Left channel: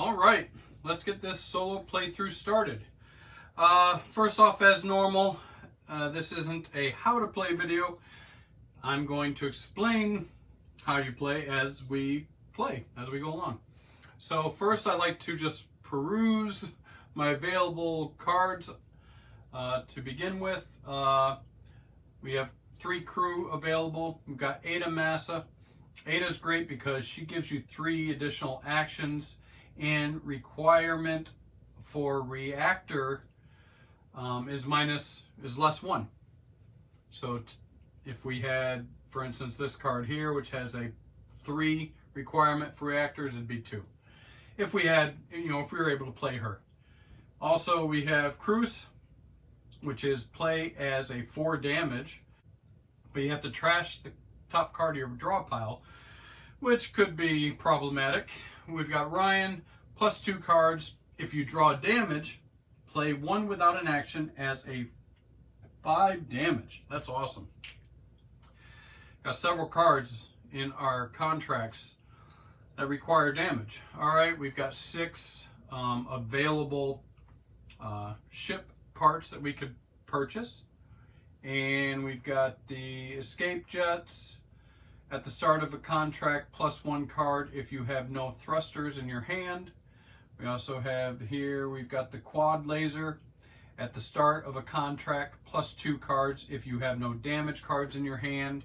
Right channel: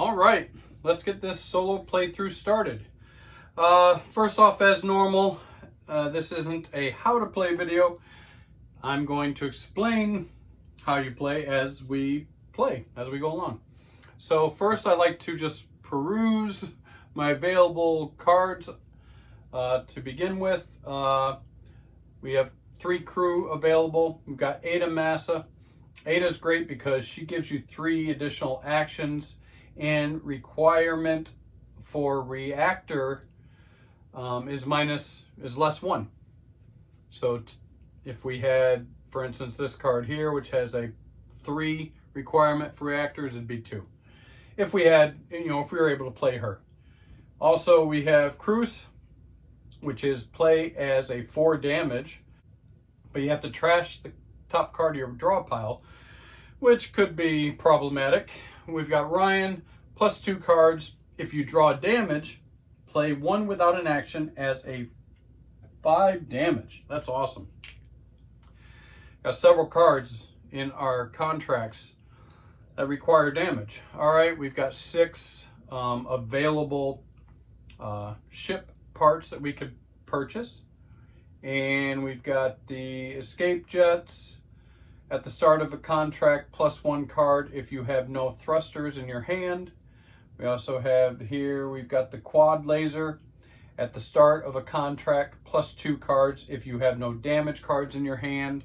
All right, let's get this solo playthrough started. First off, as normal, this isn't a how to play video. I'm going to explain how you play as we go along. So first, I like to just peruse my available cards to begin with. We have 3 crew available. We've got Ada Massa. Ada's great because she gives you 3 additional actions, and requirement for reactor is less 1. So if we had, for instance, this card here, which has a 3 requirement for reactors, it'd be 2. If we had, if we were able to play her. Also, we have Cruz, which is play as a 4 damage, but you have to trash the top card of your draw pile, which could be problematic. We've got Ryan, plus 2 cards. If you draw damage, play 1 without an action as a 5 damage. That's awesome. Got several cards in our contracts that require damage. All right, we've got 6 available ship parts that we could purchase. And we've got the escape jets. At the start of a contract, plus 1 card if you have no thrusters in your hand. We also have here, we've got the quad laser. At the start of a contract, plus 2 cards if you have no damage cards in your hand.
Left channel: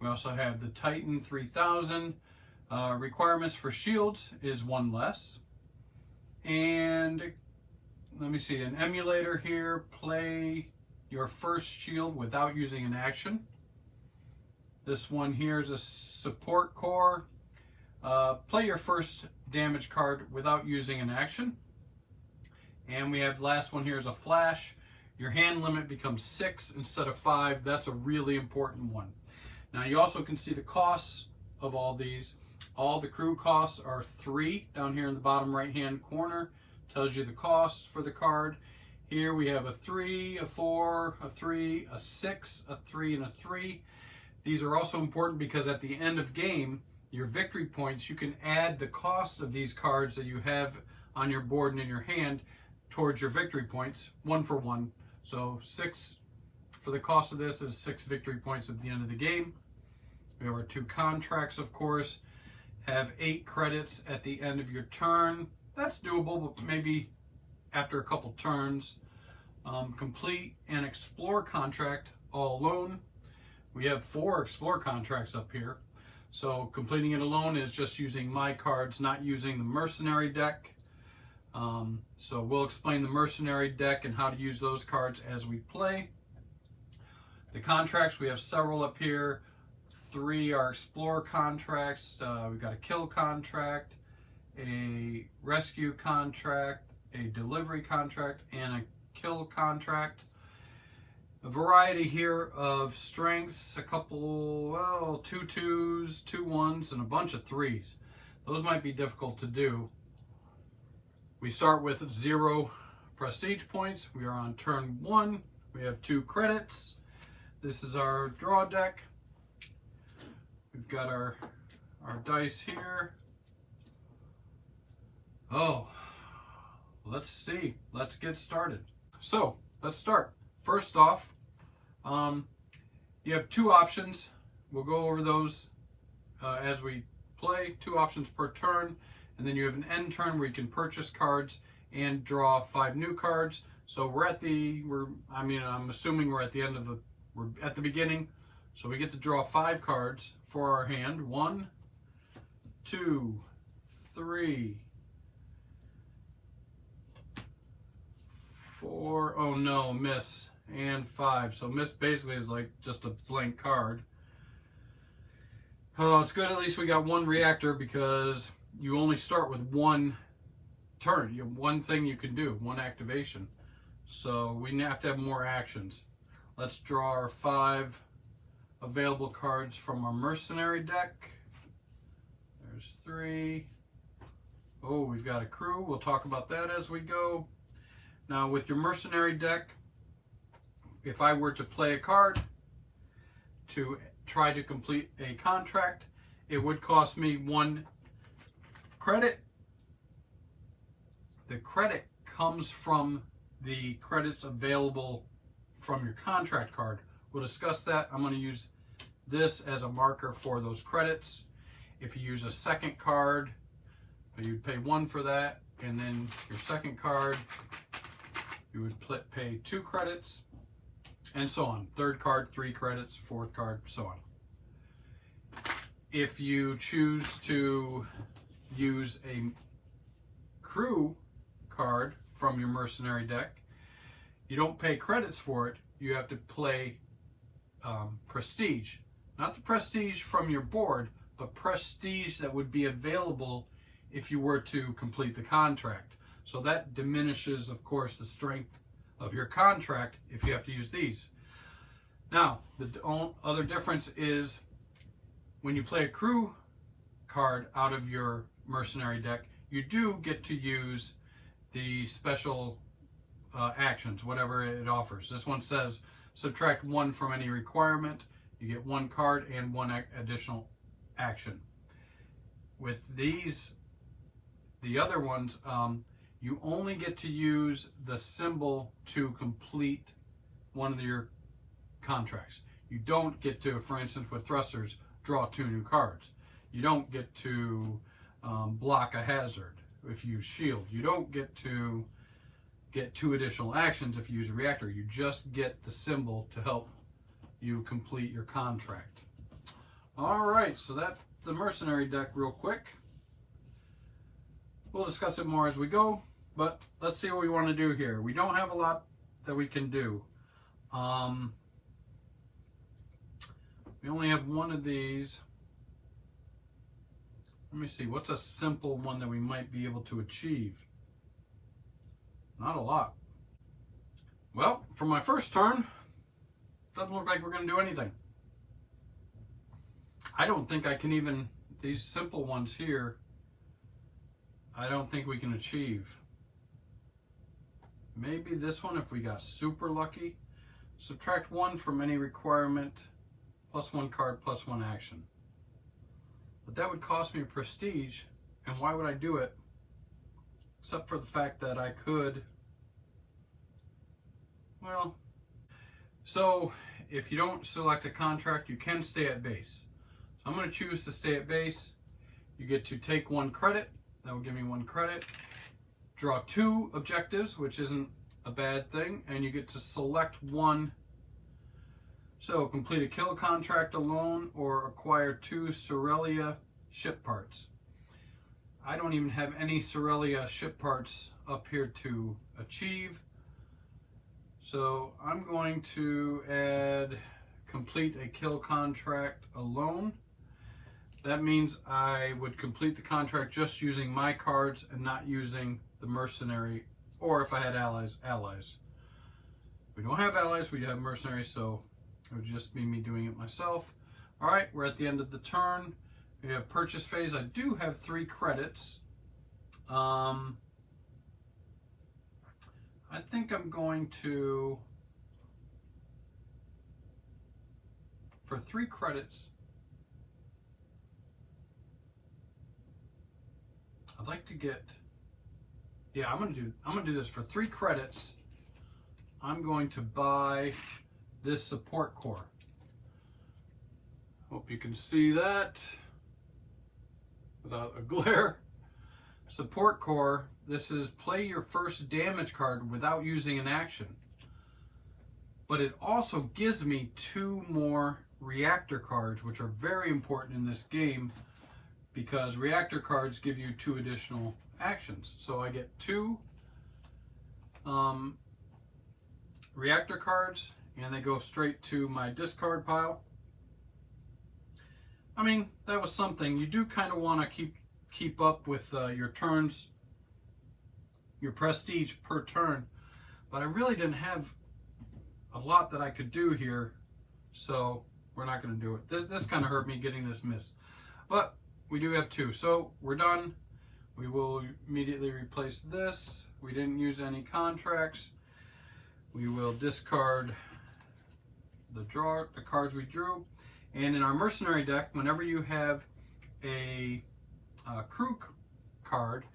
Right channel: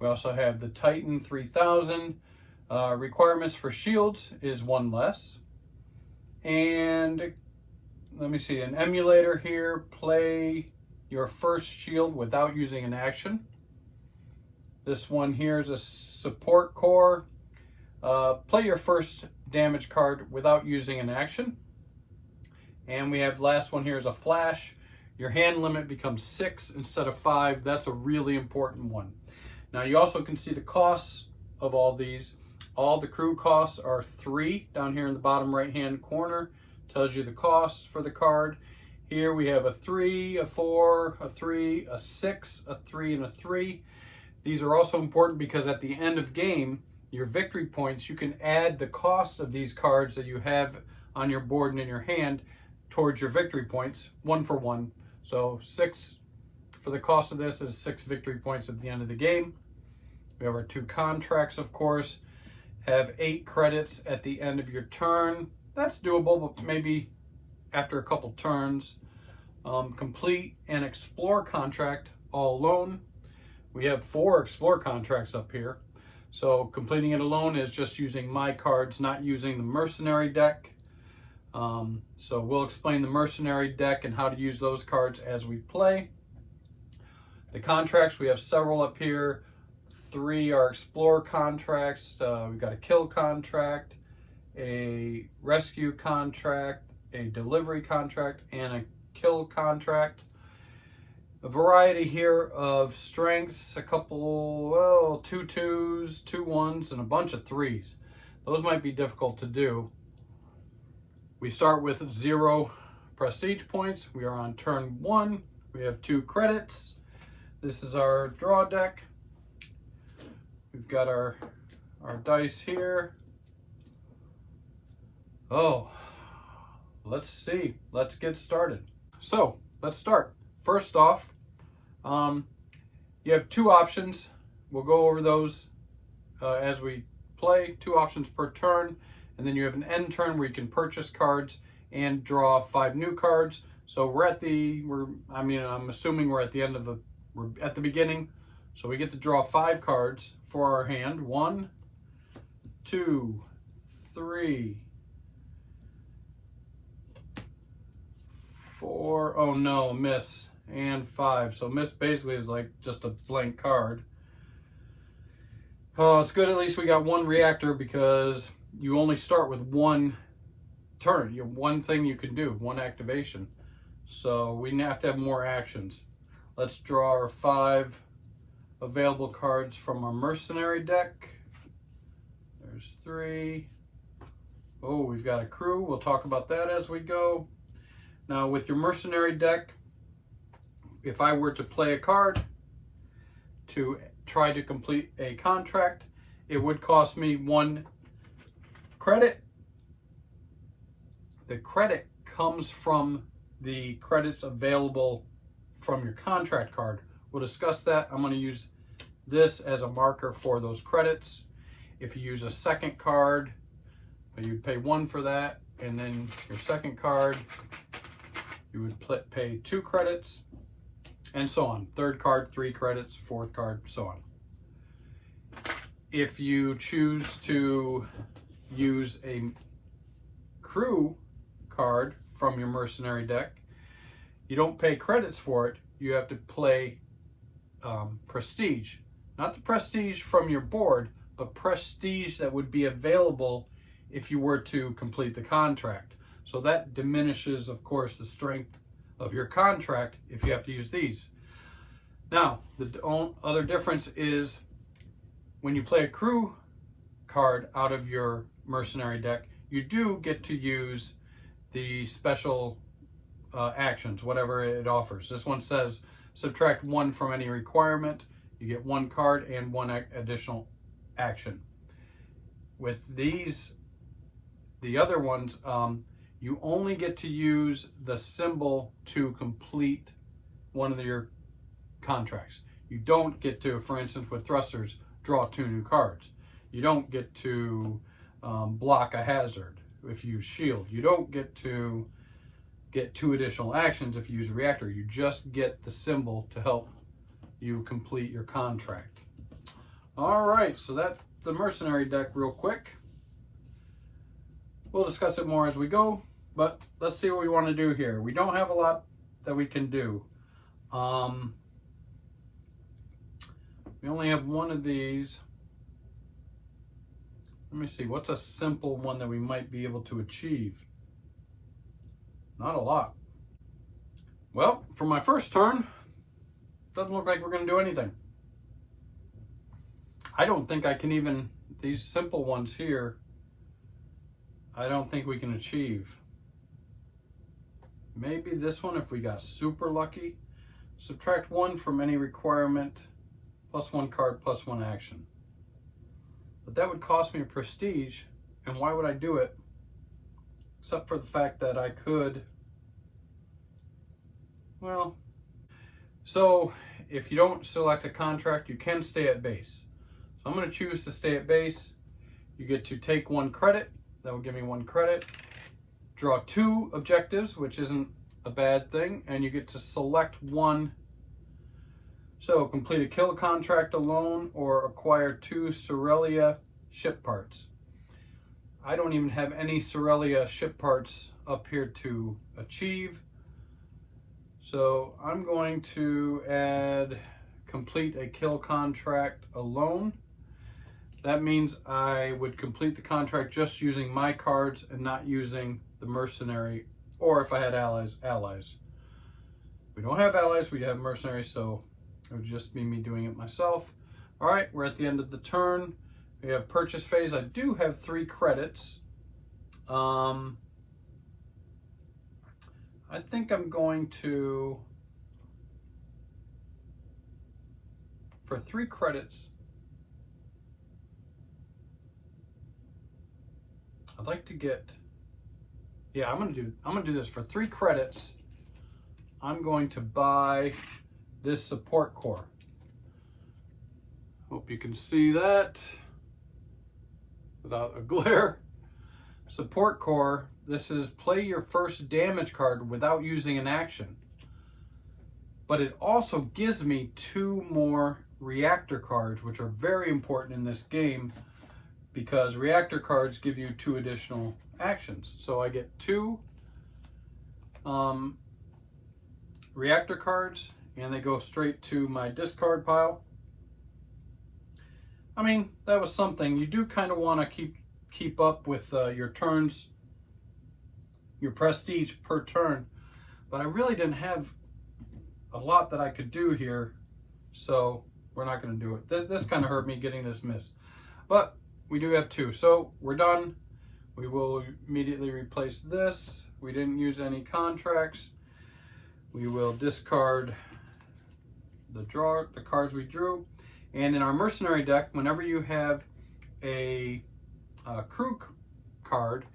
We also have the Titan 3000. Requirements for shields is 1 less. And let me see, an emulator here, play your first shield without using an action. This one here is a support core. Play your first damage card without using an action. And we have last one here is a flash. Your hand limit becomes 6 instead of 5. That's a really important one. Now you also can see the costs of all these. All the crew costs are 3 down here in the bottom right hand corner. Tells you the cost for the card. Here we have a 3, a 4, a 3, a 6, a 3, and a 3. These are also important because at the end of game, your victory points, you can add the cost of these cards that you have on your board and in your hand towards your victory points, 1 for 1. So 6 for the cost of this is 6 victory points at the end of the game. We have our 2 contracts, of course, have 8 credits at the end of your turn. That's doable, but maybe after a couple turns. Complete an explore contract all alone. We have 4 explore contracts up here. So completing it alone is just using my cards, not using the mercenary deck. So we'll explain the mercenary deck and how to use those cards as we play. The contracts, we have several up here. 3 are explore contracts. We've got a kill contract, a rescue contract, a delivery contract, and a kill contract. A variety here of strengths, a couple, 2 2s, 2 1s, and a bunch of 3s. Those might be difficult to do. We start with 0 prestige points. We are on turn 1. We have 2 credits. This is our draw deck. We've got our dice here. Oh, let's see. Let's get started. So, let's start. First off, you have 2 options. We'll go over those as we play. 2 options per turn, and then you have an end turn where you can purchase cards and draw 5 new cards. So I'm assuming we're at the end of we're at the beginning. So we get to draw 5 cards for our hand. 1, 2, 3, 4. Oh no, miss. And 5. So miss basically is like just a blank card. Oh, it's good at least we got 1 reactor because you only start with 1 turn. You have 1 thing you can do, 1 activation. So we have to have more actions. Let's draw our 5 available cards from our mercenary deck. There's 3. Oh, we've got a crew. We'll talk about that as we go. Now with your mercenary deck, if I were to play a card to try to complete a contract, it would cost me 1 credit the credit comes from the credits available from your contract card. We'll discuss that. I'm going to use this as a marker for those credits. If you use a second card, you'd pay 1 for that, and then your second card, you would pay 2 credits, and so on. Third card, 3 credits, fourth card, so on. If you choose to use a crew card from your mercenary deck, you don't pay credits for it. You have to play prestige. Not the prestige from your board, but prestige that would be available if you were to complete the contract. So that diminishes, of course, the strength of your contract if you have to use these. Now, the other difference is when you play a crew card out of your mercenary deck, you do get to use the special actions, whatever it offers. This one says subtract 1 from any requirement. You get 1 card and 1 additional action. With these, the other ones, you only get to use the symbol to complete one of your contracts. You don't get to, for instance, with thrusters, draw 2 new cards. You don't get to block a hazard if you use shield. You don't get to get 2 additional actions if you use a reactor. You just get the symbol to help you complete your contract. All right, so that's the mercenary deck real quick. We'll discuss it more as we go, but let's see what we want to do here. We don't have a lot that we can do. We only have 1 of these. Let me see, what's a simple one that we might be able to achieve? Not a lot. Well, for my first turn, doesn't look like we're going to do anything. I don't think I can even, these simple ones here, I don't think we can achieve. Maybe this one if we got super lucky. Subtract 1 from any requirement, plus 1 card, plus 1 action. But that would cost me a prestige, and why would I do it? Except for the fact that I could, well, so if you don't select a contract, you can stay at base. So I'm going to choose to stay at base. You get to take 1 credit. That will give me 1 credit. Draw 2 objectives, which isn't a bad thing, and you get to select 1. So complete a kill contract alone or acquire 2 Cerelia ship parts. I don't even have any Cerelia ship parts up here to achieve. So I'm going to add complete a kill contract alone. That means I would complete the contract just using my cards and not using the mercenary, or if I had allies. We don't have allies, we have mercenaries, so it would just be me doing it myself. All right, we're at the end of the turn. We have purchase phase. I do have 3 credits. I think I'm going to, for 3 credits, I'd like to get, yeah, I'm gonna do this for 3 credits. I'm going to buy this support core. Hope you can see that without a glare. Support core, this is play your first damage card without using an action. But it also gives me 2 more reactor cards, which are very important in this game because reactor cards give you 2 additional actions. So I get 2 reactor cards, and they go straight to my discard pile. I mean, that was something. You do kind of want to keep up with your turns, your prestige per turn, but I really didn't have a lot that I could do here, so we're not going to do it. This kind of hurt me getting this miss, but we do have 2, so we're done. We will immediately replace this. We didn't use any contracts. We will discard the cards we drew. And in our mercenary deck, whenever you have a crew card,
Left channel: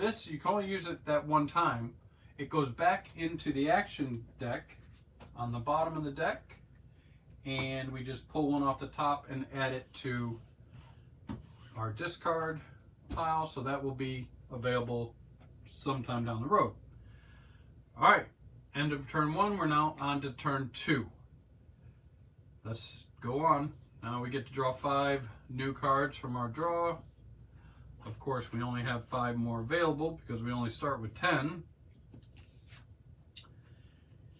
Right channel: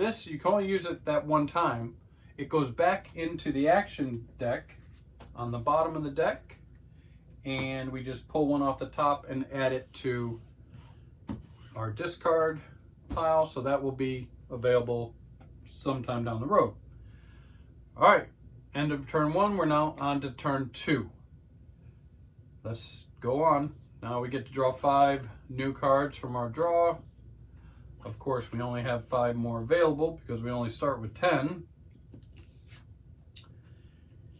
This, you can only use it that one time. It goes back into the action deck on the bottom of the deck, and we just pull one off the top and add it to our discard pile, so that will be available sometime down the road. All right, end of turn one. We're now on to turn two. Let's go on. Now we get to draw 5 new cards from our draw. Of course, we only have 5 more available because we only start with 10.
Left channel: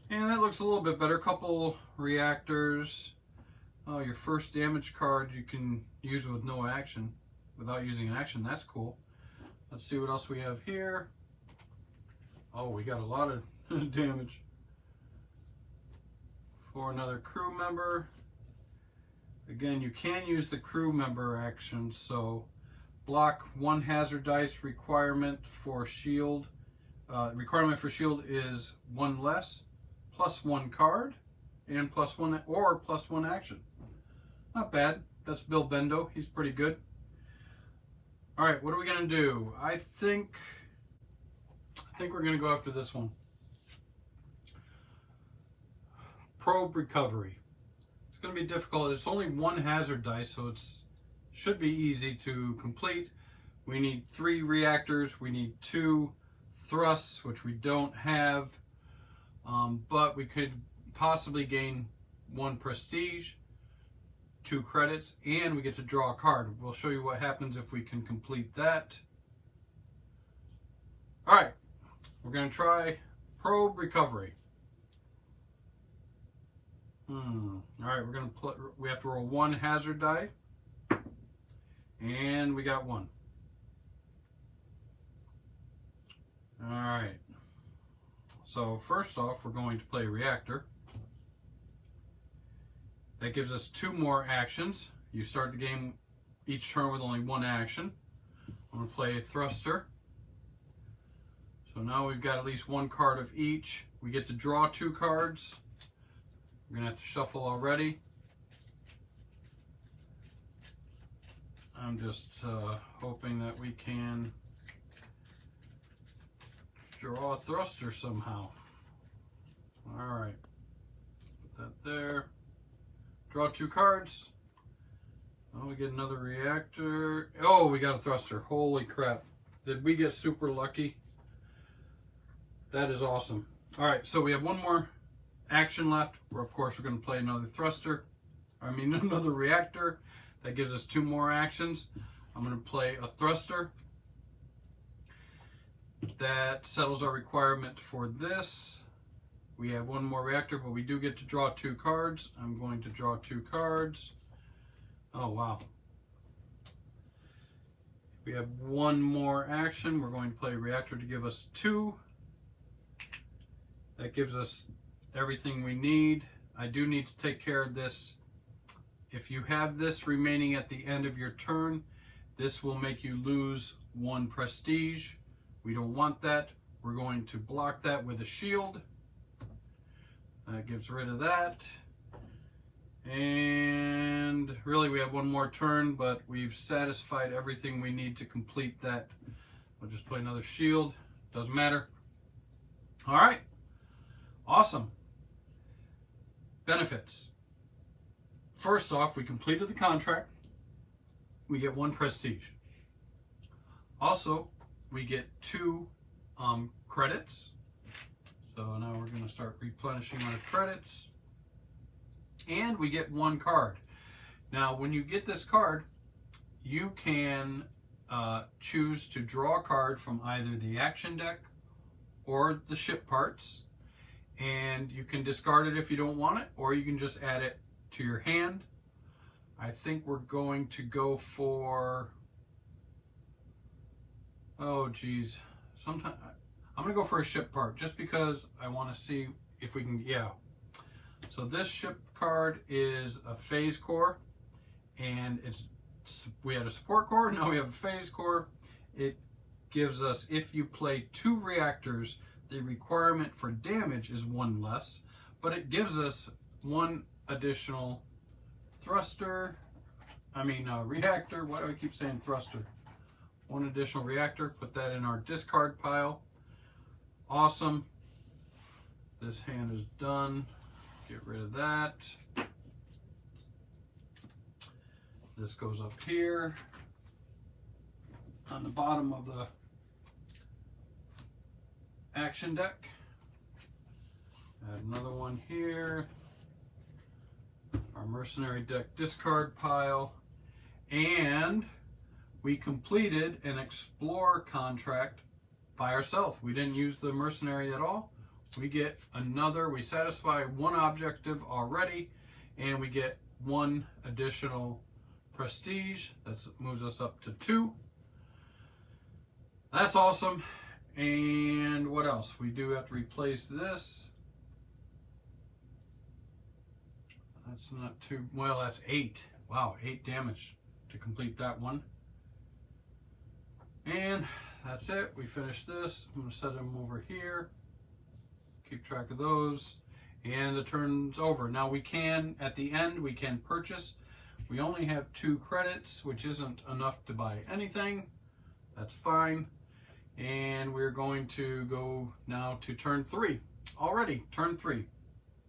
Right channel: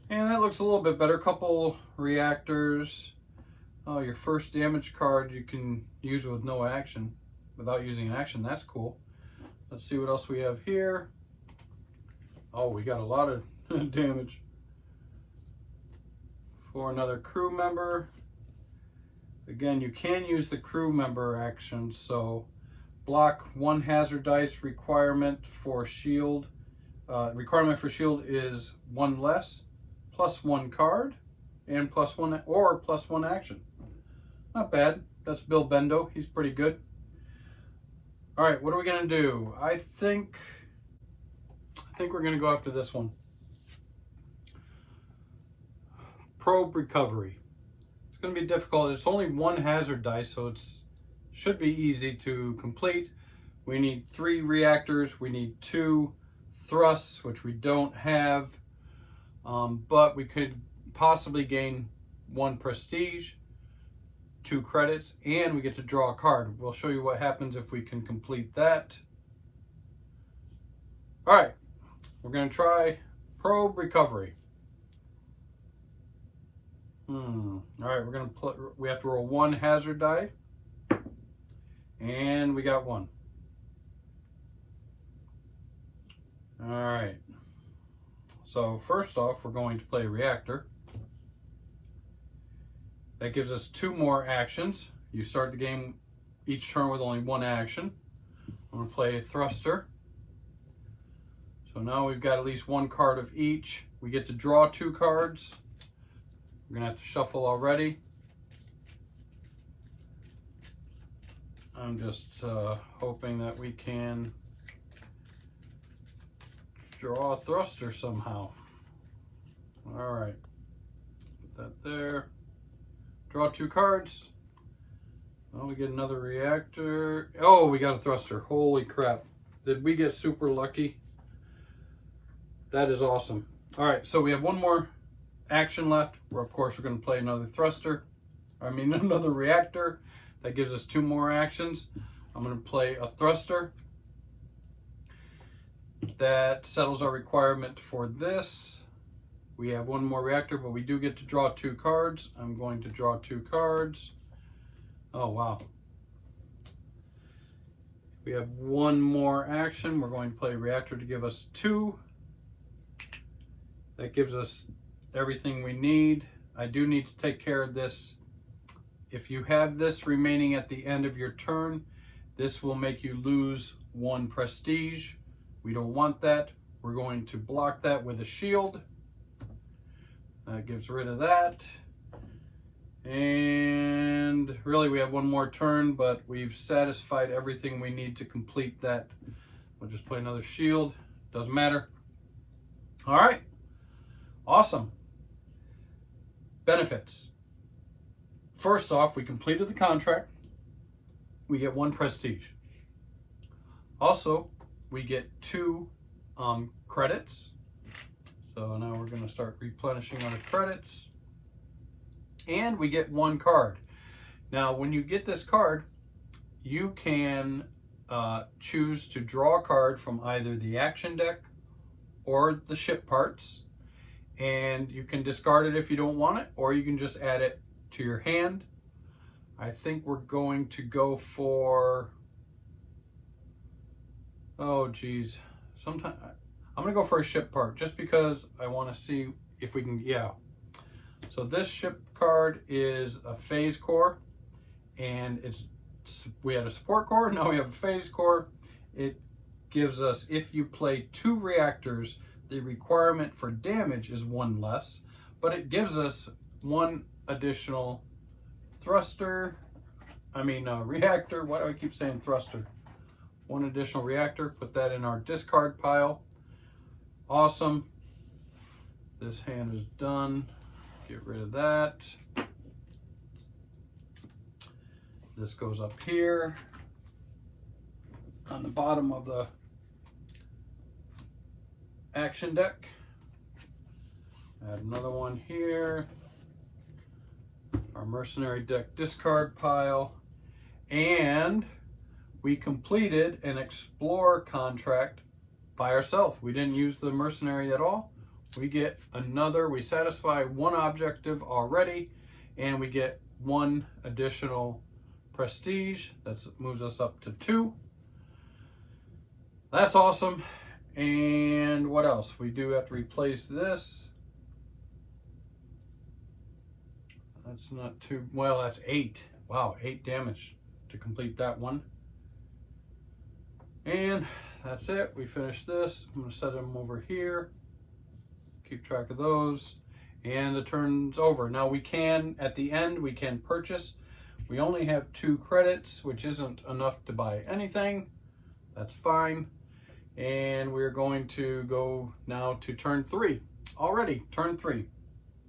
And that looks a little bit better. Couple reactors. Oh, your first damage card you can use with no action, without using an action. That's cool. Let's see what else we have here. Oh, we got a lot of damage. For another crew member. Again, you can use the crew member action, so block 1 hazard dice. Requirement for shield. Requirement for shield is 1 less, plus 1 card, and plus 1 or plus 1 action. Not bad. That's Bill Bendo. He's pretty good. All right, what are we gonna do? I think we're gonna go after this one. Probe recovery. It's going to be difficult. It's only 1 hazard dice, so it should be easy to complete. We need 3 reactors. We need 2 thrusts, which we don't have, but we could possibly gain 1 prestige, 2 credits, and we get to draw a card. We'll show you what happens if we can complete that. All right, we're going to try probe recovery. All right, we have to roll 1 hazard die, and we got 1. All right, so first off, we're going to play a reactor. That gives us 2 more actions. You start the game each turn with only 1 action. I'm going to play a thruster. So now we've got at least 1 card of each. We get to draw 2 cards. We're going to have to shuffle already. I'm just hoping that we can draw a thruster somehow. All right, put that there. Draw 2 cards. Oh, we get another reactor. Oh, we got a thruster. Holy crap. Did we get super lucky? That is awesome. All right, so we have 1 more action left, where of course we're going to play another another reactor. That gives us 2 more actions. I'm going to play a thruster. That settles our requirement for this. We have 1 more reactor, but we do get to draw 2 cards. I'm going to draw 2 cards. Oh wow. We have 1 more action. We're going to play a reactor to give us 2. That gives us everything we need. I do need to take care of this. If you have this remaining at the end of your turn, this will make you lose 1 prestige. We don't want that. We're going to block that with a shield. That gets rid of that. And really we have 1 more turn, but we've satisfied everything we need to complete that. We'll just play another shield. Doesn't matter. All right. Awesome. Benefits. First off, we completed the contract. We get 1 prestige. Also, we get 2 credits. So now we're going to start replenishing our credits. And we get 1 card. Now, when you get this card, you can choose to draw a card from either the action deck or the ship parts. And you can discard it if you don't want it, or you can just add it to your hand. I think we're going to go for, oh geez, I'm gonna go for a ship part just because I want to see if we can, yeah. So this ship card is a phase core, and we had a support core, now we have a phase core. It gives us, if you play 2 reactors, the requirement for damage is 1 less, but it gives us 1 additional reactor. Why do I keep saying thruster? one additional reactor, put that in our discard pile. Awesome. This hand is done. Get rid of that. This goes up here on the bottom of the action deck. Add another one here. Our mercenary deck discard pile. And we completed an explorer contract by ourselves. We didn't use the mercenary at all. We get another, we satisfy one objective already, and we get one additional prestige. That moves us up to 2. That's awesome. And what else? We do have to replace this. That's not too, well, that's 8. Wow, 8 damage to complete that one. And that's it. We finished this. I'm going to set them over here. Keep track of those. And the turn's over. Now we can, at the end, we can purchase. We only have 2 credits, which isn't enough to buy anything. That's fine. And we're going to go now to turn 3. Already, turn 3.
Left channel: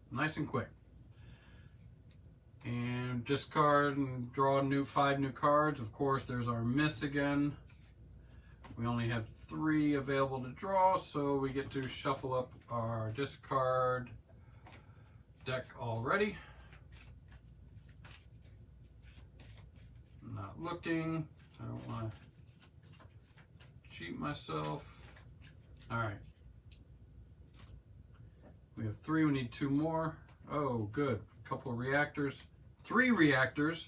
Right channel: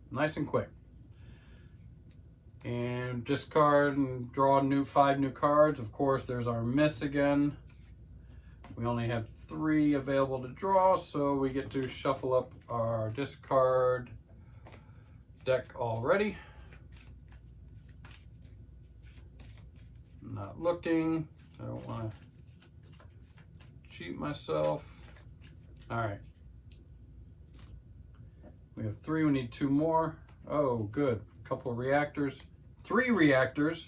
Nice and quick. And discard and draw 5 new cards. Of course, there's our miss again. We only have 3 available to draw, so we get to shuffle up our discard deck already. Not looking. I don't want to cheat myself. All right. We have 3. We need 2 more. Oh, good. A couple of reactors. 3 reactors.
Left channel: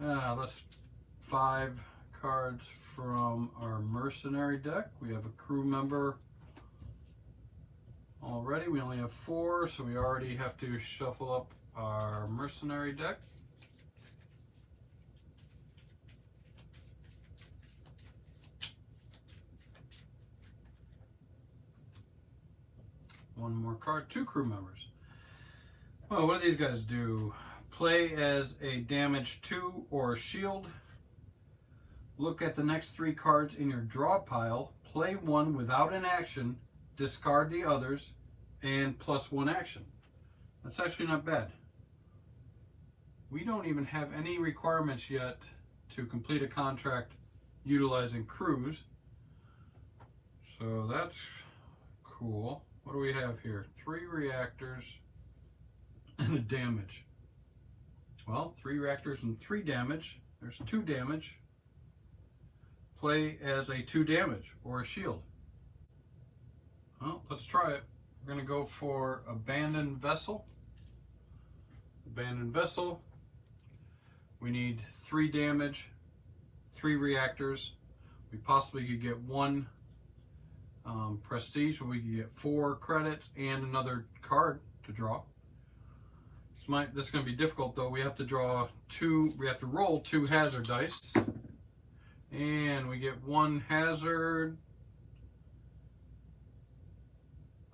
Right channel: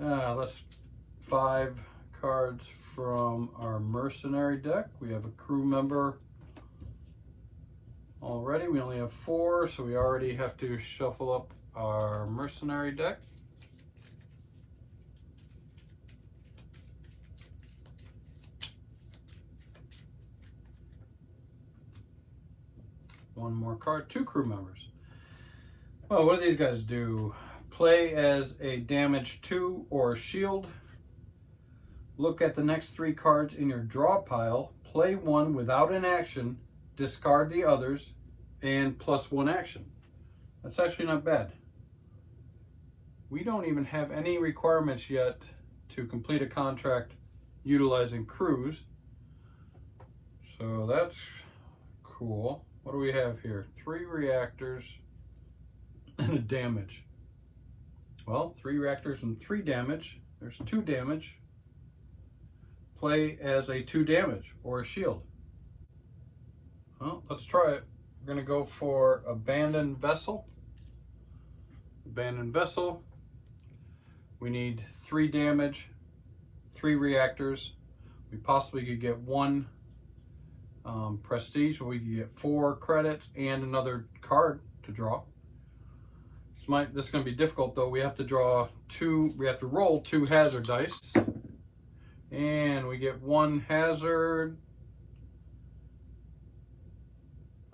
That's 5 cards from our mercenary deck. We have a crew member already. We only have 4, so we already have to shuffle up our mercenary deck. One more card, 2 crew members. Well, what do these guys do? Play as a damage 2 or a shield. Look at the next 3 cards in your draw pile. Play 1 without an action. Discard the others and plus 1 action. That's actually not bad. We don't even have any requirements yet to complete a contract utilizing crews. So that's cool. What do we have here? 3 reactors and a damage. Well, 3 reactors and 3 damage. There's 2 damage. Play as a 2 damage or a shield. Well, let's try it. We're going to go for Abandoned Vessel. Abandoned Vessel. We need 3 damage, 3 reactors. We possibly could get 1 prestige, but we could get 4 credits and another card to draw. This is going to be difficult though. We have to draw 2, we have to roll 2 hazard dice. And we get 1 hazard.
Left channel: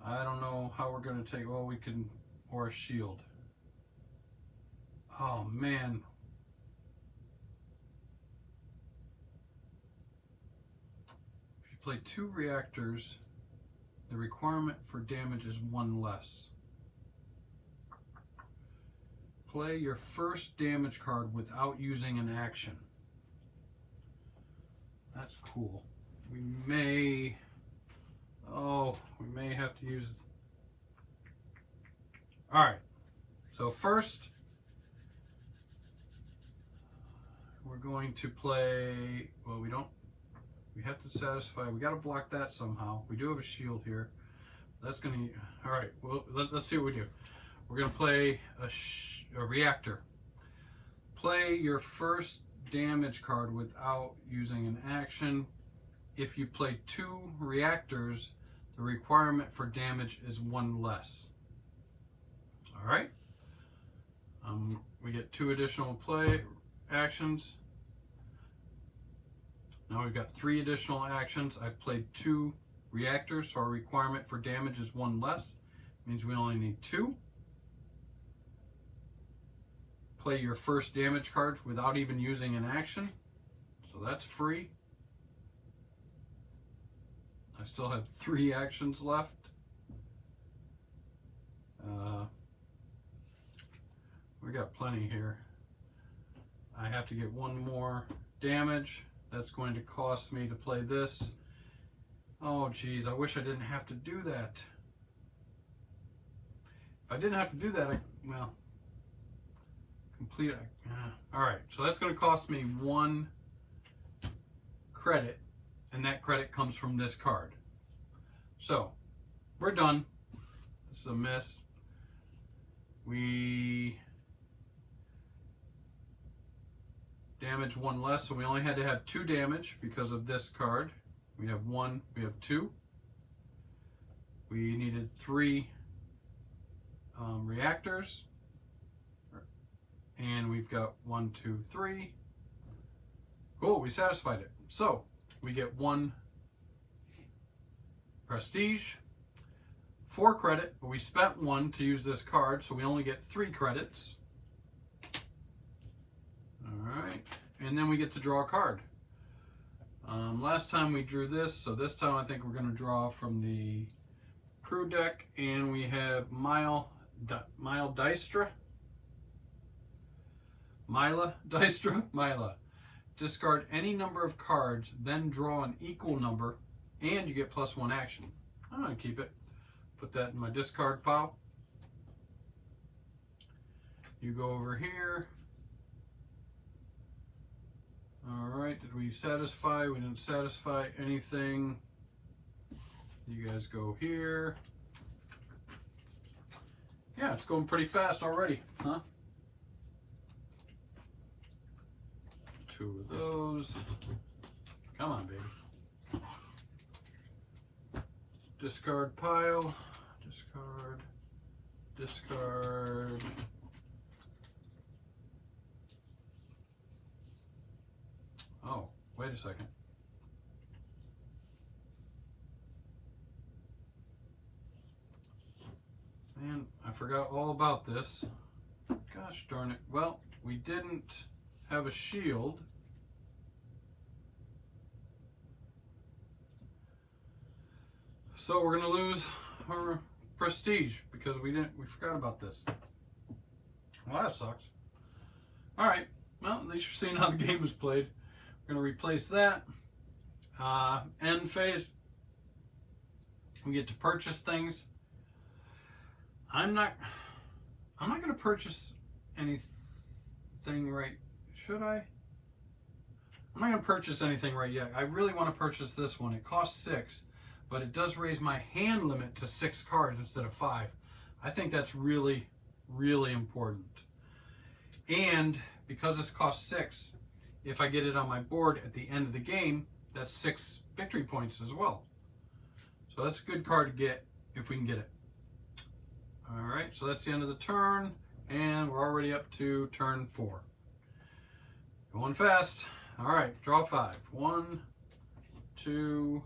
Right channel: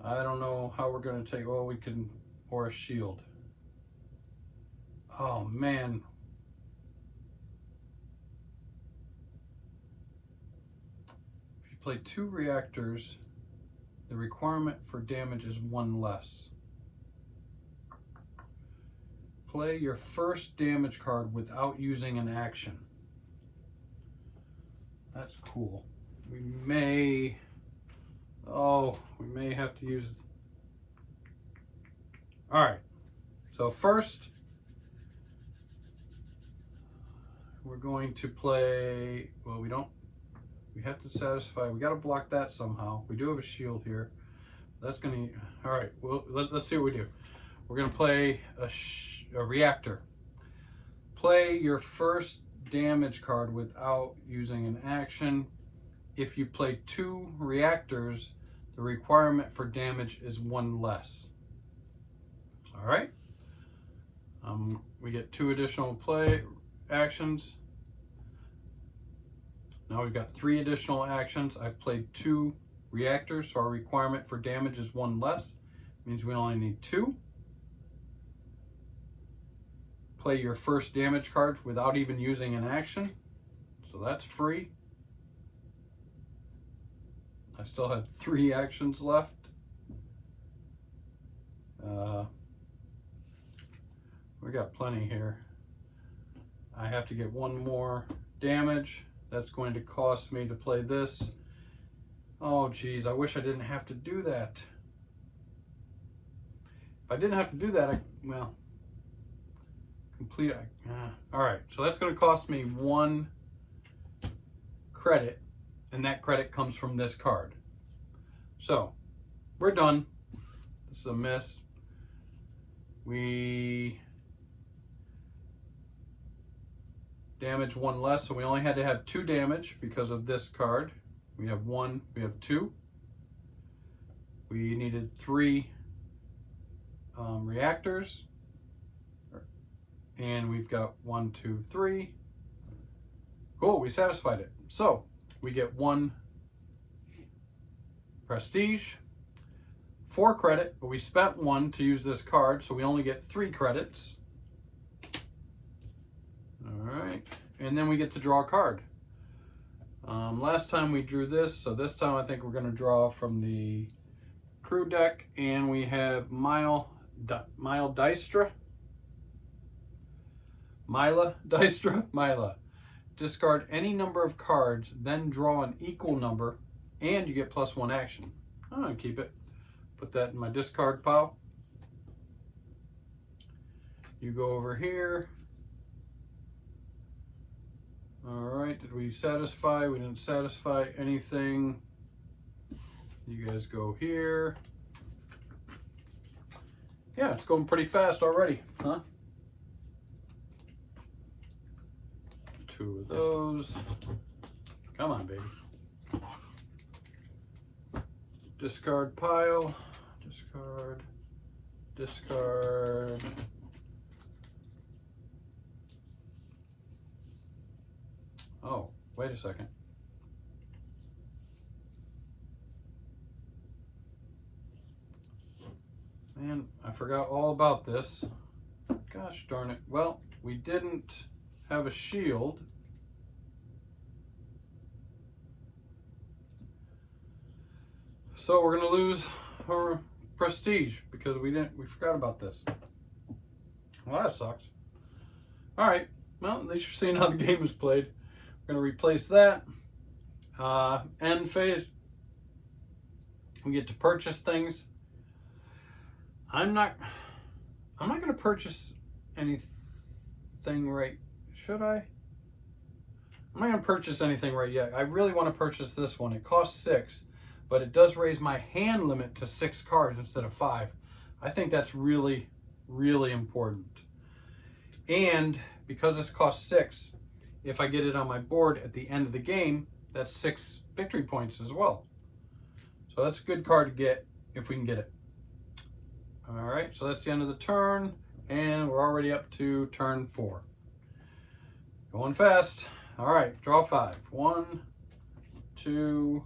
I don't know how we're going to take, well, we can, or a shield. Oh man. If you play 2 reactors, the requirement for damage is 1 less. Play your first damage card without using an action. That's cool. We may have to use. All right. So first, we're going to play, well, we have to satisfy, we got to block that somehow. We do have a shield here. That's going to, all right, well, let's see what we do. We're going to play a reactor. Play your first damage card without using an action. If you play 2 reactors, the requirement for damage is 1 less. All right. We get 2 additional play actions. Now we've got 3 additional actions. I've played 2 reactors, so our requirement for damage is 1 less. Means we only need 2. Play your first damage card without even using an action. So So that's free. I still have 3 actions left. We got plenty here. I have to get 1 more damage. That's going to cost me to play this. Oh geez, I wish I didn't have to do that. If I didn't have to do that, well, complete. All right, so that's going to cost me 1 credit, and that credit comes from this card. So we're done. This is a miss. We damage 1 less, so we only had to have 2 damage because of this card. We have 1, we have 2. We needed 3 reactors, and we've got 1, 2, 3. Cool, we satisfied it. So we get 1 prestige, 4 credit, but we spent 1 to use this card, so we only get 3 credits. All right, and then we get to draw a card. Last time we drew this, so this time I think we're going to draw from the crew deck, and we have Mila Dystra. Discard any number of cards, then draw an equal number, and you get +1 action. I'm going to keep it. Put that in my discard pile. You go over here. All right, did we satisfy? We didn't satisfy anything. You guys go here. Yeah, it's going pretty fast already, huh? 2 of those. Come on, baby. Discard pile. Discard. Discard. Oh, wait a second. Man, I forgot all about this. Gosh darn it. Well, we didn't have a shield. So we're gonna lose our prestige because we forgot about this. Well, that sucks. All right, well, at least you're seeing how the game is played. We're gonna replace that. End phase. We get to purchase things. I'm not gonna purchase anything right. Should I? I'm not gonna purchase anything right yet. I really want to purchase this one. It costs 6, but it does raise my hand limit to 6 cards instead of 5. I think that's really, really important. And because this costs 6, if I get it on my board at the end of the game, that's 6 victory points as well. So that's a good card to get if we can get it. All right, so that's the end of the turn, and we're already up to turn 4. Going fast. All right, draw 5. 1, 2,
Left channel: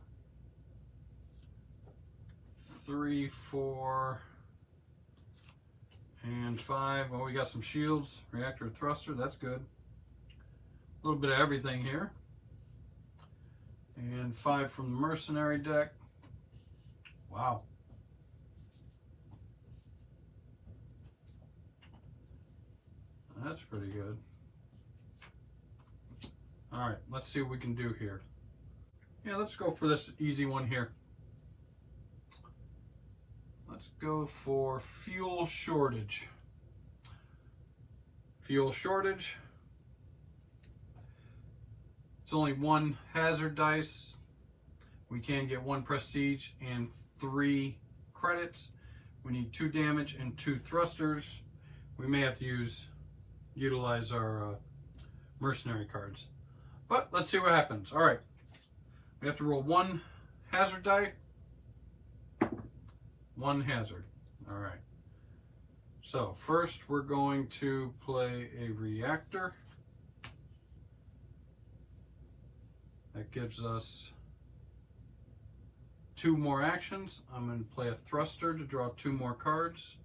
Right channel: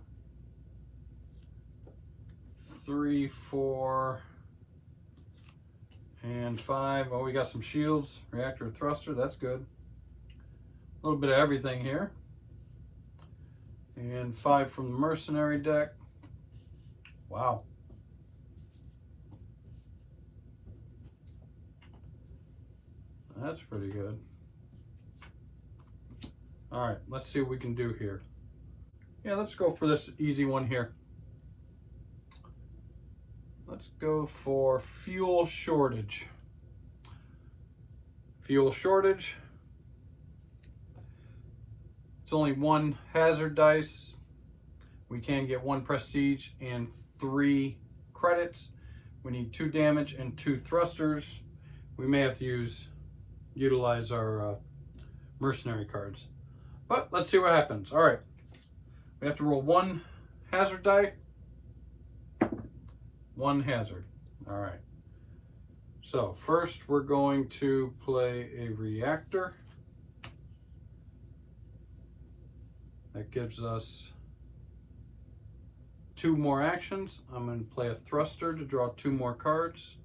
3, 4, and 5. Oh, we got some shields, reactor, thruster. That's good. A little bit of everything here. And 5 from the mercenary deck. Wow. That's pretty good. All right, let's see what we can do here. Yeah, let's go for this easy one here. Let's go for fuel shortage. Fuel shortage. It's only 1 hazard dice. We can get 1 prestige and 3 credits. We need 2 damage and 2 thrusters. We may have to utilize our mercenary cards. But let's see what happens. All right. We have to roll 1 hazard die. 1 hazard. All right. So first we're going to play a reactor. That gives us 2 more actions. I'm going to play a thruster to draw 2 more cards.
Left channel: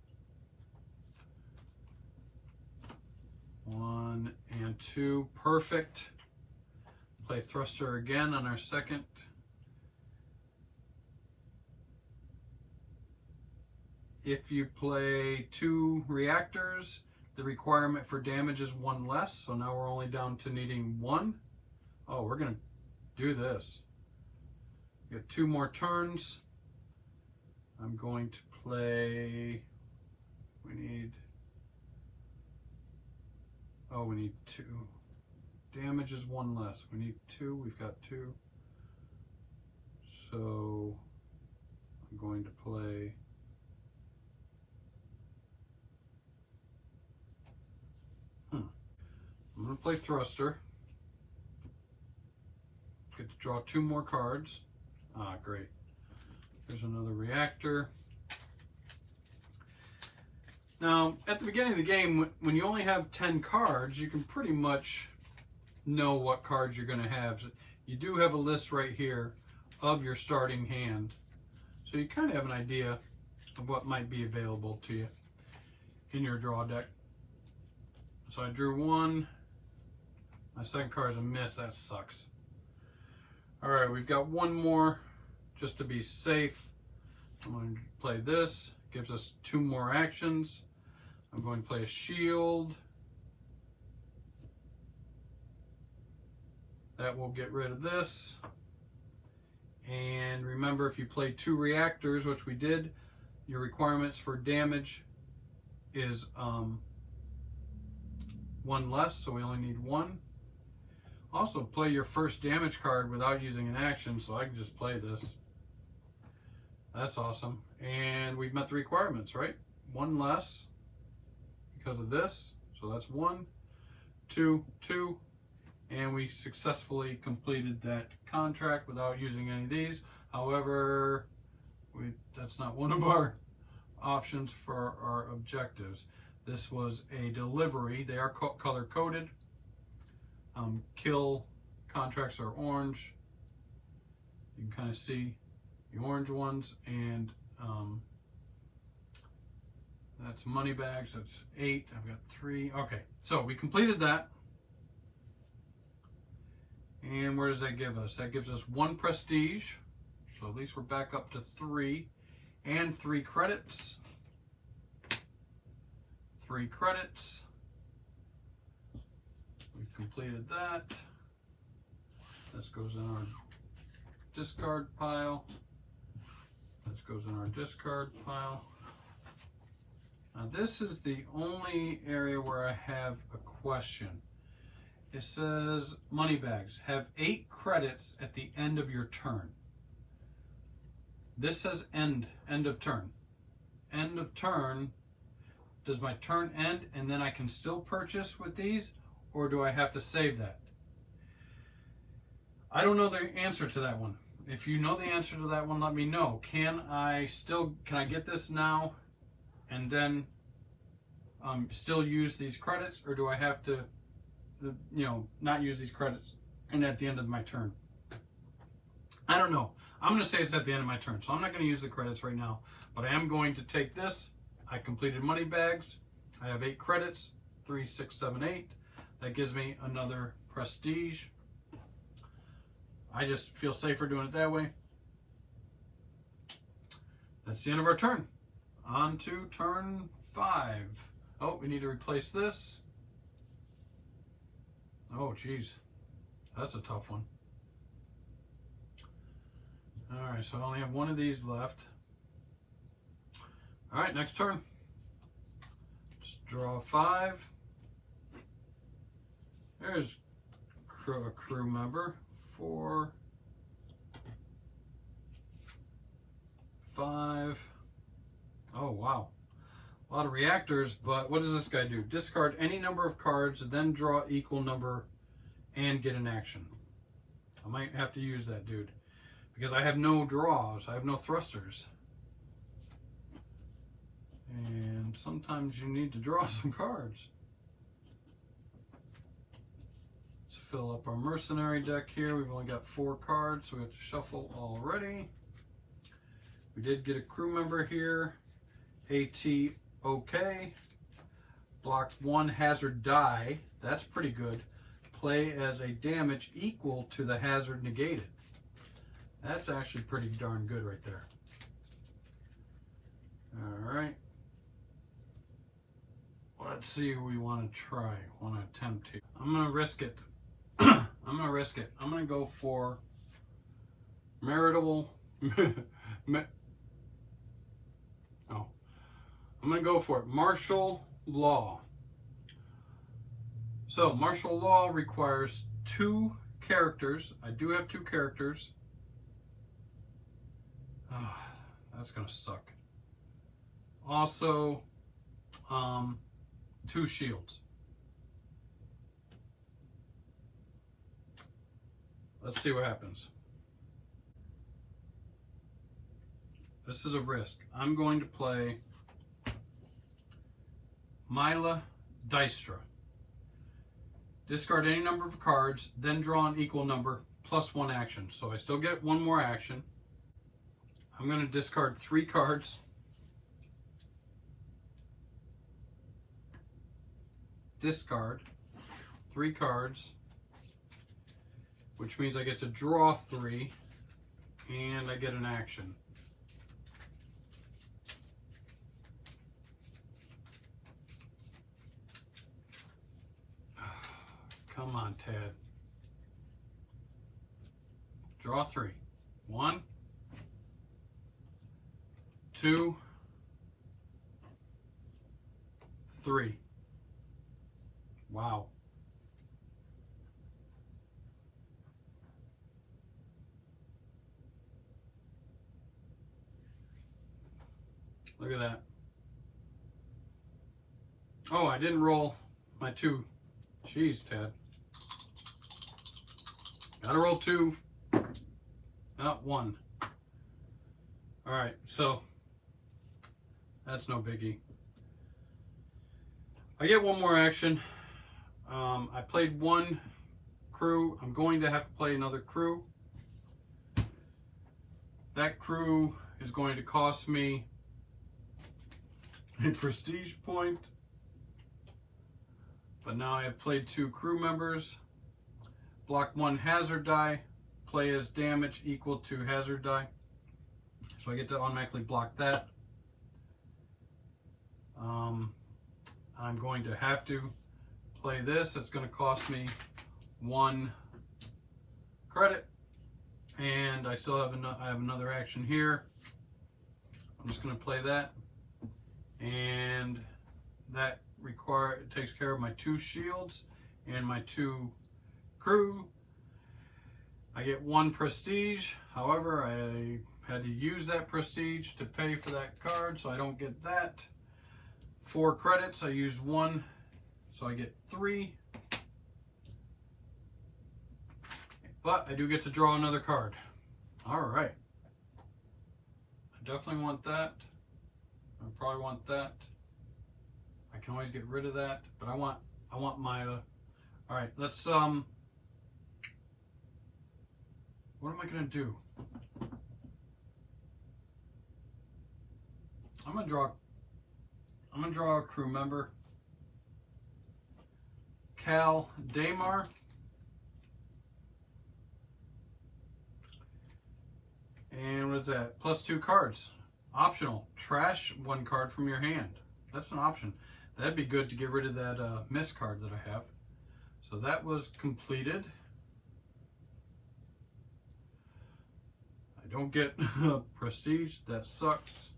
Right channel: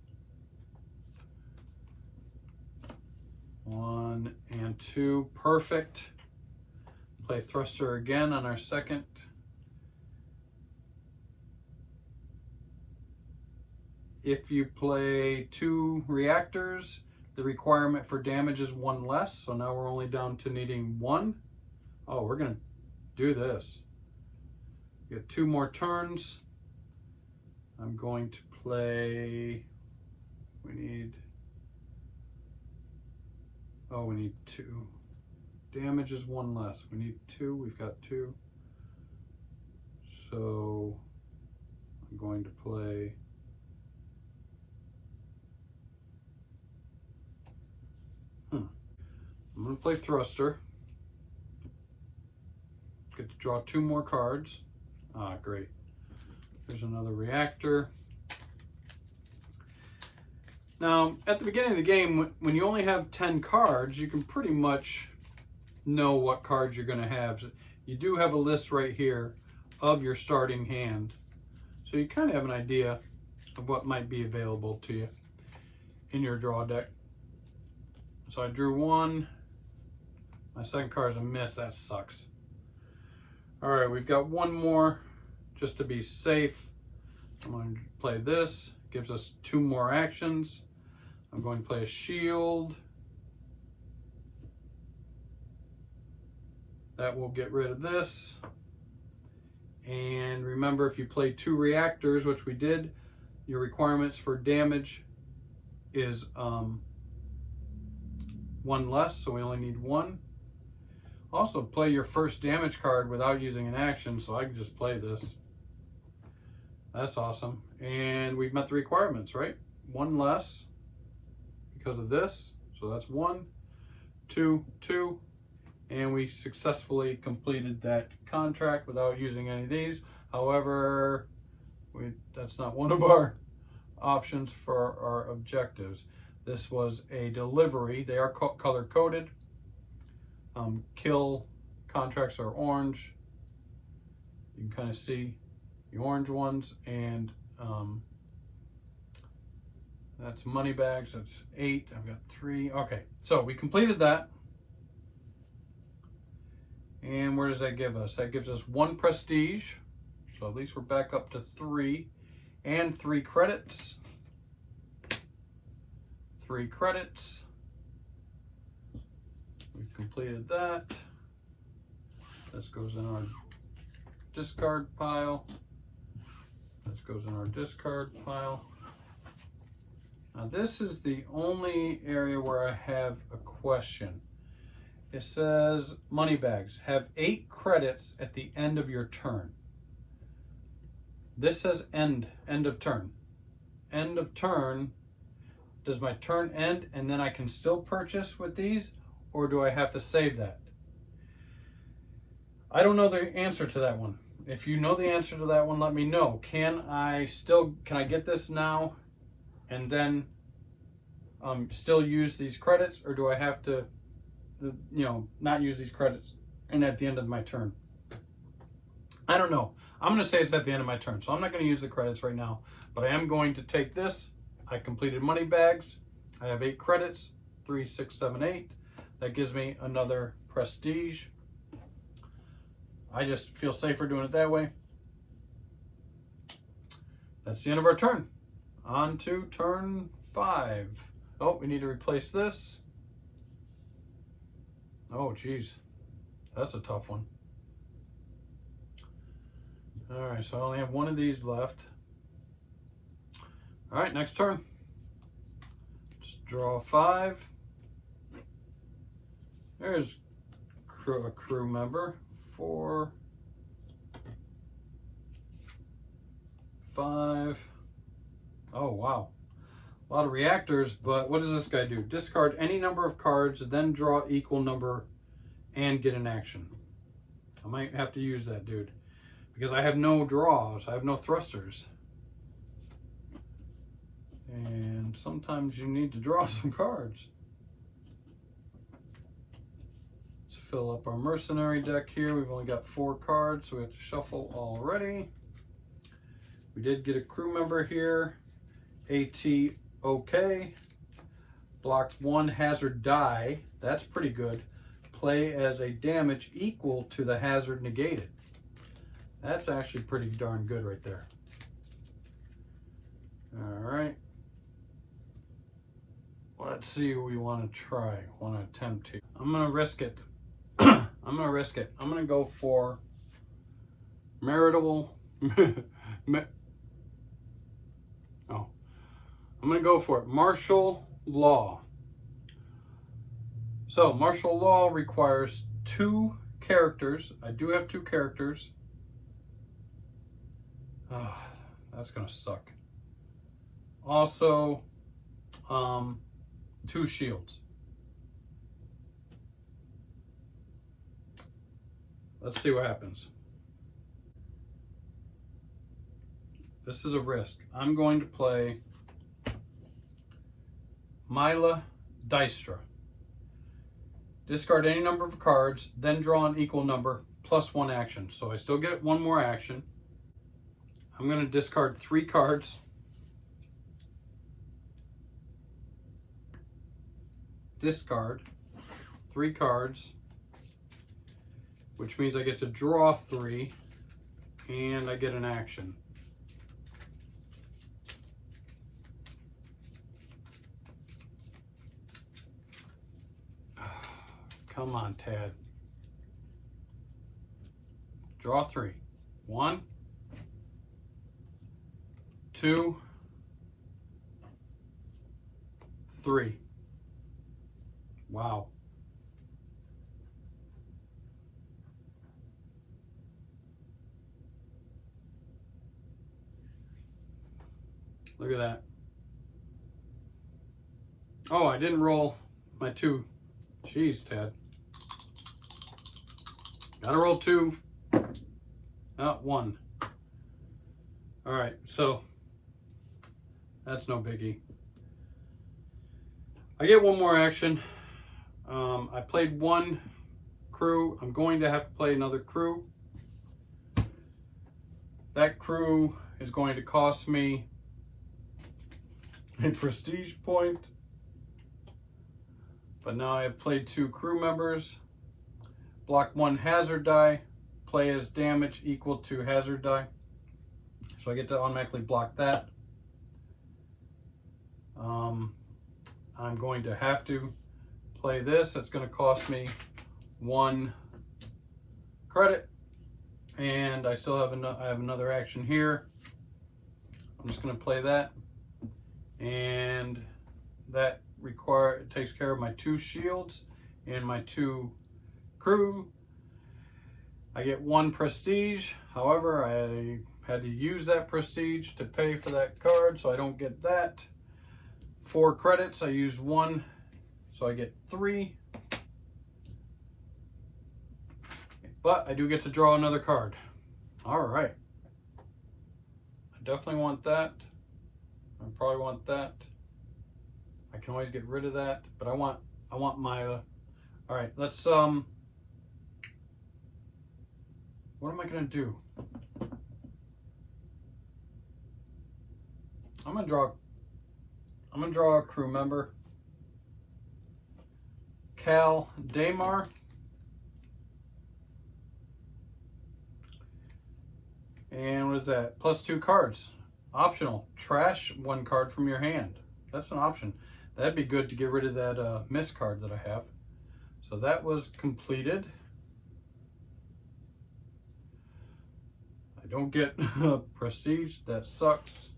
1 and 2, perfect. Play thruster again on our second. If you play 2 reactors, the requirement for damage is 1 less. So now we're only down to needing 1. Oh, we're going to do this. We have 2 more turns. I'm going to play, we need 2. Damage is 1 less. We need 2, we've got 2. So I'm going to play I'm going to play thruster. Get to draw 2 more cards. Ah, great. There's another reactor. Now, at the beginning of the game, when you only have 10 cards, you can pretty much know what cards you're going to have. You do have a list right here of your starting hand. So you kind of have an idea of what might be available to you in your draw deck. So I drew 1. My second card is a miss. That sucks. All right, we've got 1 more just to be safe. I'm going to play this. Gives us 2 more actions. I'm going to play a shield. That will get rid of this. And remember, if you play 2 reactors, which we did, your requirements for damage is 1 less, so we only need 1. Also, play your first damage card without using an action, so I can just play this. That's awesome. And we've met the requirements, right? 1 less because of this. So that's 1, 2, 2. And we successfully completed that contract without using any of these. However, that's not one of our options for our objectives. This was a delivery. They are color coded. Kill contracts are orange. You can kind of see the orange ones, and that's money bags. That's 8. I've got 3. Okay, so we completed that. And where does that give us? That gives us 1 prestige. So at least we're back up to 3. And 3 credits. 3 credits. We've completed that. This goes in our discard pile. This goes in our discard pile. Now this is the only area where I have a question. It says money bags have 8 credits at the end of your turn. This says end of turn. End of turn. Does my turn end and then I can still purchase with these, or do I have to save that? I don't know the answer to that one. If you know the answer to that one, let me know. Can I get this now and then still use these credits, or do I have to not use these credits and at the end of my turn? I don't know. I'm going to say it's at the end of my turn, so I'm not going to use the credits right now, but I am going to take this. I completed money bags. I have 8 credits, 3, 6, 7, 8. That gives me another prestige. I just feel safer doing it that way. That's the end of our turn. On to turn 5. Oh, we need to replace this. Oh, geez. That's a tough one. All right, so I only have 1 of these left. All right, next turn. Just draw 5. There's a crew member. 4, 5. Oh, wow. A lot of reactors, but what does this guy do? Discard any number of cards, then draw equal number and get an action. I might have to use that dude because I have no draws. I have no thrusters. And sometimes you need to draw some cards. Let's fill up our mercenary deck here. We've only got 4 cards, so we have to shuffle already. We did get a crew member here. AT okay. Block 1 hazard die. That's pretty good. play as a damage equal to the hazard negated. That's actually pretty darn good right there. All right. Let's see what we want to try, want to attempt here. I'm going to risk it. I'm going to risk it. I'm going to go for marital. I'm going to go for it. Martial law. So martial law requires 2 characters. I do have 2 characters. Oh, that's going to suck. Also, 2 shields. Let's see what happens. This is a risk. I'm going to play Mila Dystra. Discard any number of cards, then draw an equal number plus 1 action. So I still get 1 more action. I'm going to discard 3 cards. Discard 3 cards, which means I get to draw 3 and I get an action. Come on, Tad. Draw 3. 1, 2, 3. Wow. Look at that. Oh, I didn't roll my 2. Jeez, Ted. Gotta roll 2. Not 1. All right, so that's no biggie. I get 1 more action. I played 1 crew. I'm going to have to play another crew. That crew is going to cost me a prestige point. But now I have played 2 crew members. Block 1 hazard die. Play as damage equal to hazard die. So I get to automatically block that. I'm going to have to play this. That's going to cost me 1 credit. And I still have another action here. I'm just going to play that. And that takes care of my 2 shields and my 2 crew. I get 1 prestige. However, I had to use that prestige to pay for that card, so I don't get that. 4 credits, I used 1, so I get 3. But I do get to draw another card. All right. I definitely want that. I probably want that. I can always get rid of that, but I want Mila. All right, let's what am I gonna do? I'm gonna draw a crew member. Cal Damar. And what is that? Plus 2 cards. Optional. Trash 1 card from your hand. That's an option. That'd be good to get rid of that miss card that I have. So that was completed. I don't get prestige. That sucks.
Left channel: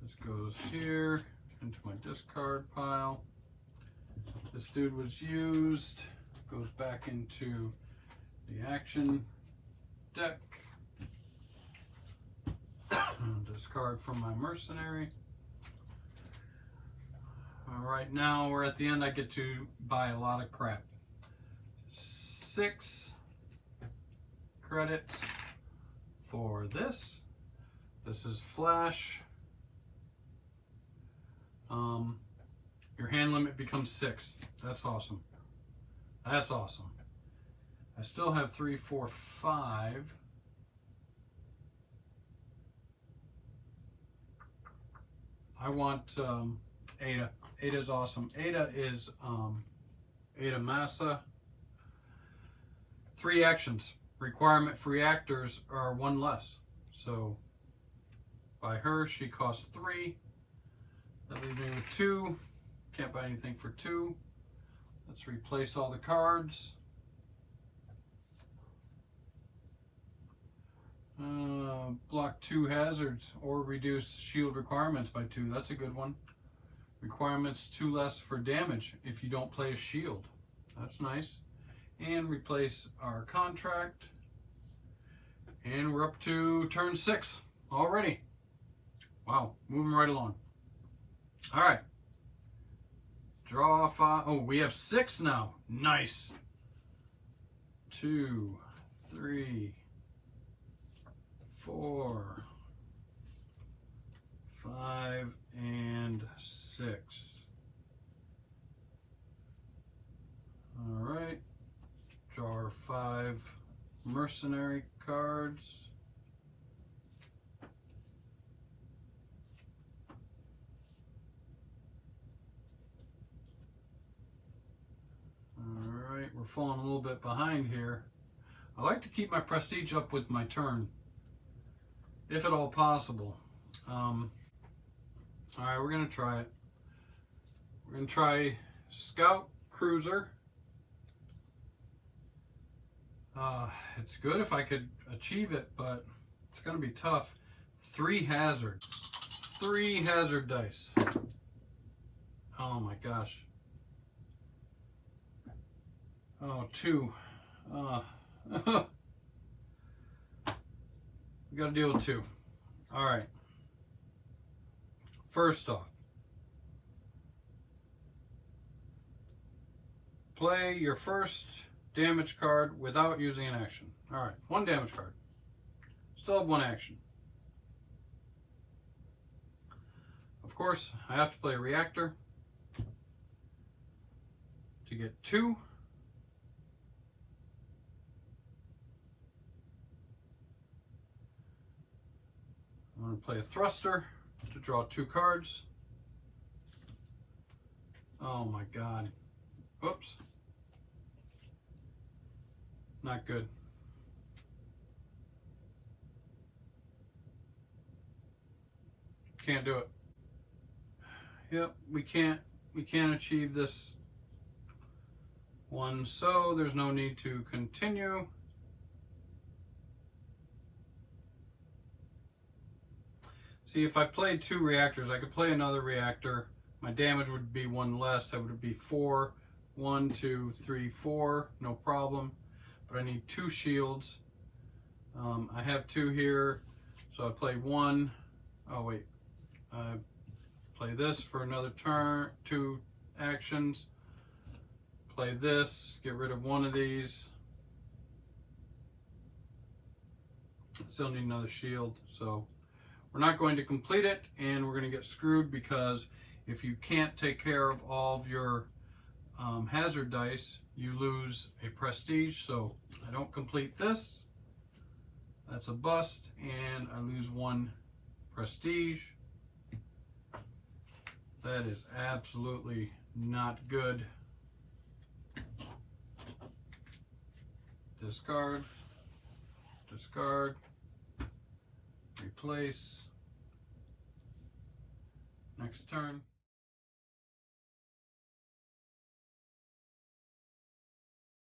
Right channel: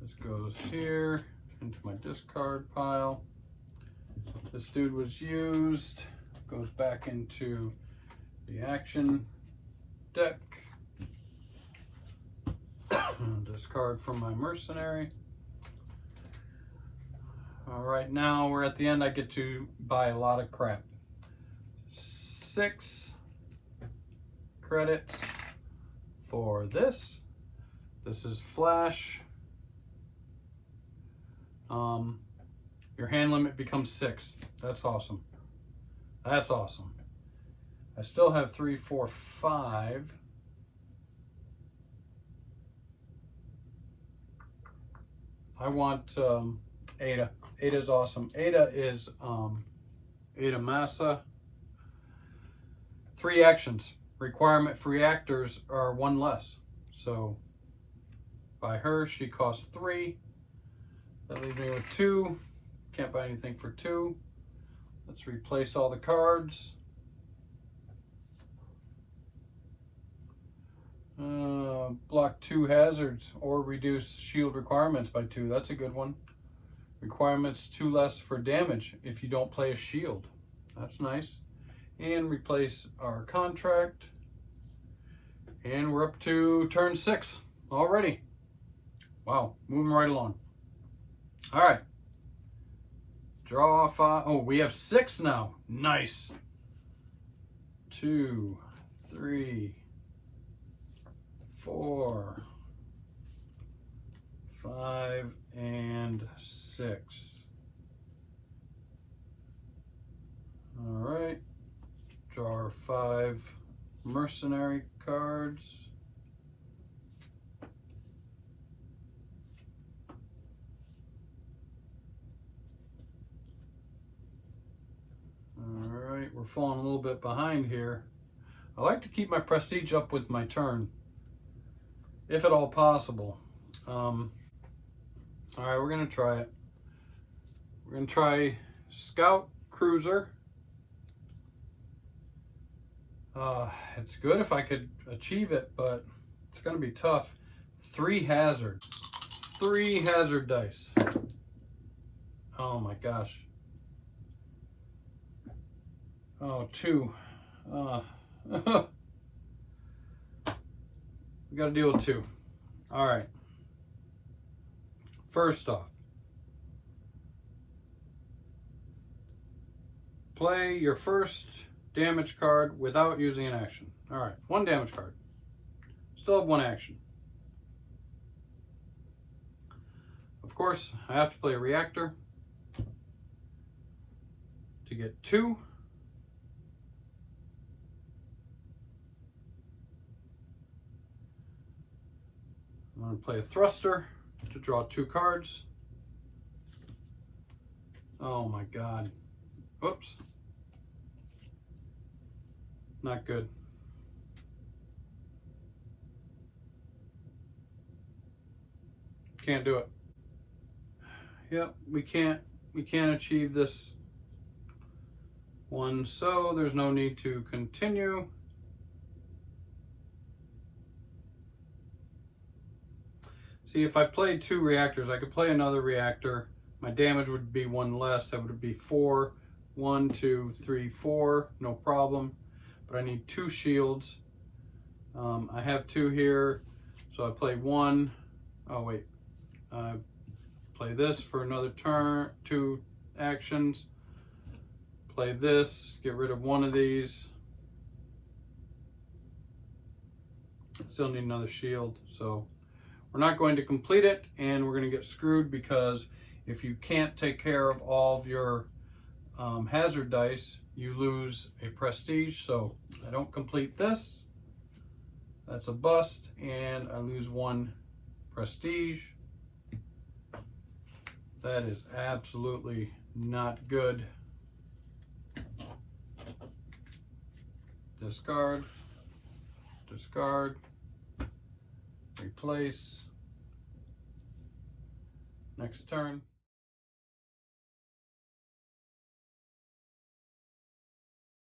This goes here into my discard pile. This dude was used. Goes back into the action deck. Discard from my mercenary. All right, now we're at the end. I get to buy a lot of crap. 6 credits for this. This is flash. Your hand limit becomes 6. That's awesome. That's awesome. I still have 3, 4, 5. I want Ada. Ada is awesome. Ada is 8 of massa. 3 actions. Requirement for reactors are 1 less. So by her, she costs 3. That leaves me with 2. Can't buy anything for 2. Let's replace all the cards. Block 2 hazards or reduce shield requirements by 2. That's a good one. Requirements 2 less for damage if you don't play a shield. That's nice. And replace our contract. And we're up to turn 6 already. Wow, moving right along. All right. Draw 5. Oh, we have 6 now. Nice. 2, 3, 4, 5, and 6. All right. Draw our 5 mercenary cards. All right, we're falling a little bit behind here. I like to keep my prestige up with my turn, if at all possible. All right, we're gonna try it. We're gonna try Scout Cruiser. It's good if I could achieve it, but it's gonna be tough. 3 hazard. 3 hazard dice. Oh my gosh. Oh, 2. We gotta deal with 2. All right. First off, play your first damage card without using an action. All right, 1 damage card. Still have 1 action. Of course, I have to play a reactor to get 2. I'm going to play a thruster to draw 2 cards. Oh my god. Whoops. Not good. Can't do it. Yep, we can't achieve this one, so there's no need to continue. See, if I played 2 reactors, I could play another reactor. My damage would be 1 less. That would be 4. 1, 2, 3, 4. No problem. But I need 2 shields. I have 2 here, so I play 1. Oh wait. Play this for another turn. 2 actions. Play this. Get rid of 1 of these. Still need another shield, so we're not going to complete it, and we're going to get screwed because if you can't take care of all of your hazard dice, you lose a prestige. So I don't complete this. That's a bust, and I lose 1 prestige. That is absolutely not good. Discard, discard. Replace. Next turn.